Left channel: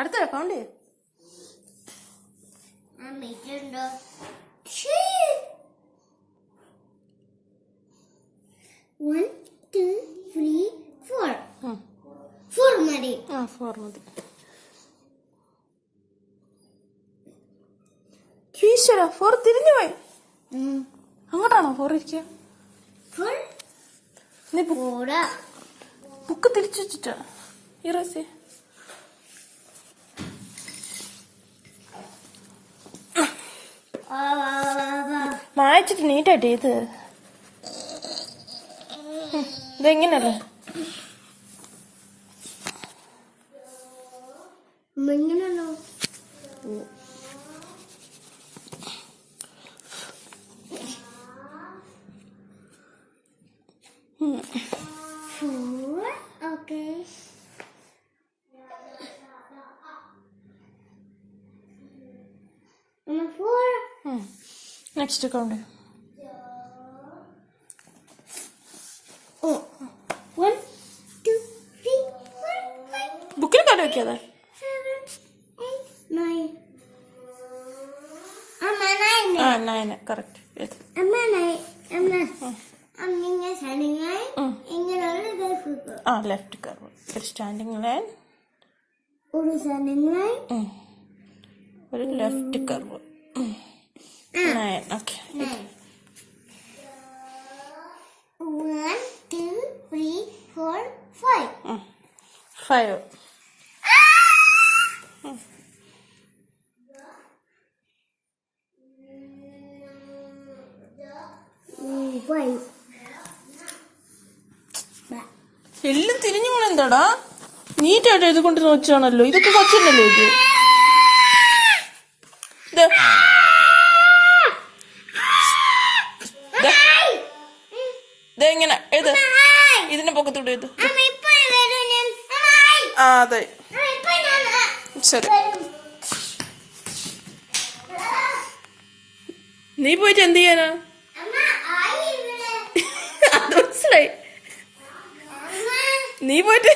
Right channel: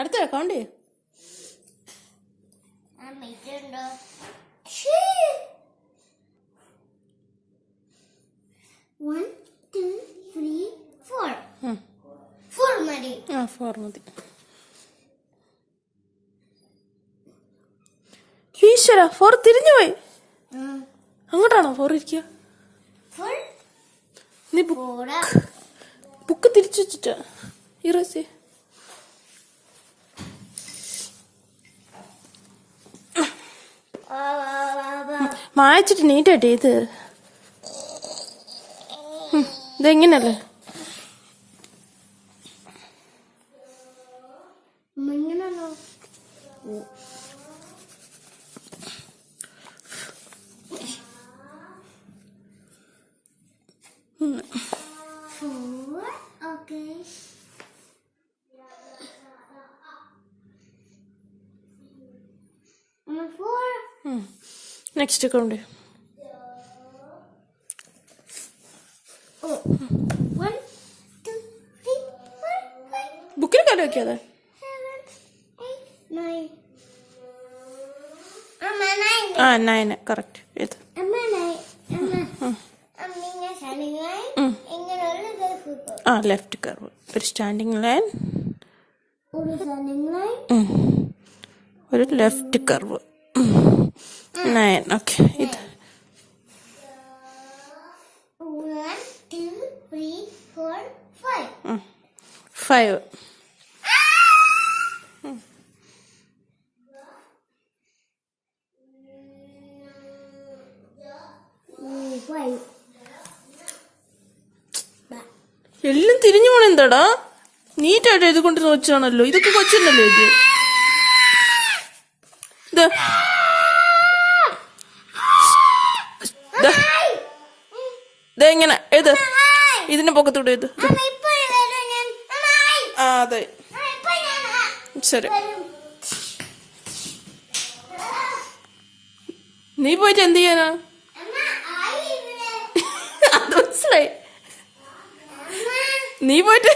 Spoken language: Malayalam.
അടുത്ത കൗണ്ട് ഫോർ മതി. ഈശ്വര, ഫോർ തിരിഞ്ഞു പോയി. അങ്ങോട്ടാണോ ഫോർ ഇരിക്കുക? നീ ബുക്ക് തിരിച്ചു വെച്ചിട്ടാ ഇറസി. മായച്ചിട്ട് നീറ്റായിട്ട് ഇതെങ്ങനല്ലേ? ഇങ്ങനെയാണോ? Next count. ബുക്കിൽ കണ്ടു നോക്കിയാലോ? ആ 9 കറക്റ്റ്. ഏത് ലെഫ്റ്റ് കർവ്. ഒരു സ്റ്റാൻഡിങ് ലൈൻ, ഒരു ലെഫ്റ്റ് കർവ്. 9. ഓക്കെ. ഇത് 1 2 3 4 5. 5. എല്ലാം തിരിഞ്ഞു പോണ എന്താടാ? നീറ്റായിട്ട് ഇത് കൊണ്ട് നോച്ചാണല്ലോ. ഇതൊക്കെ കൊച്ചല്ലോ ഇത്. എങ്ങനെ ഏത് ഇതിന്റെ പൊക്കത്തൂടെ ഏത്? ആ അതെ ശരി. നീ പോയിട്ട് എന്ത് ചെയ്യാനാ? അത് മനസ്സിലായി. നീ പോയിട്ട്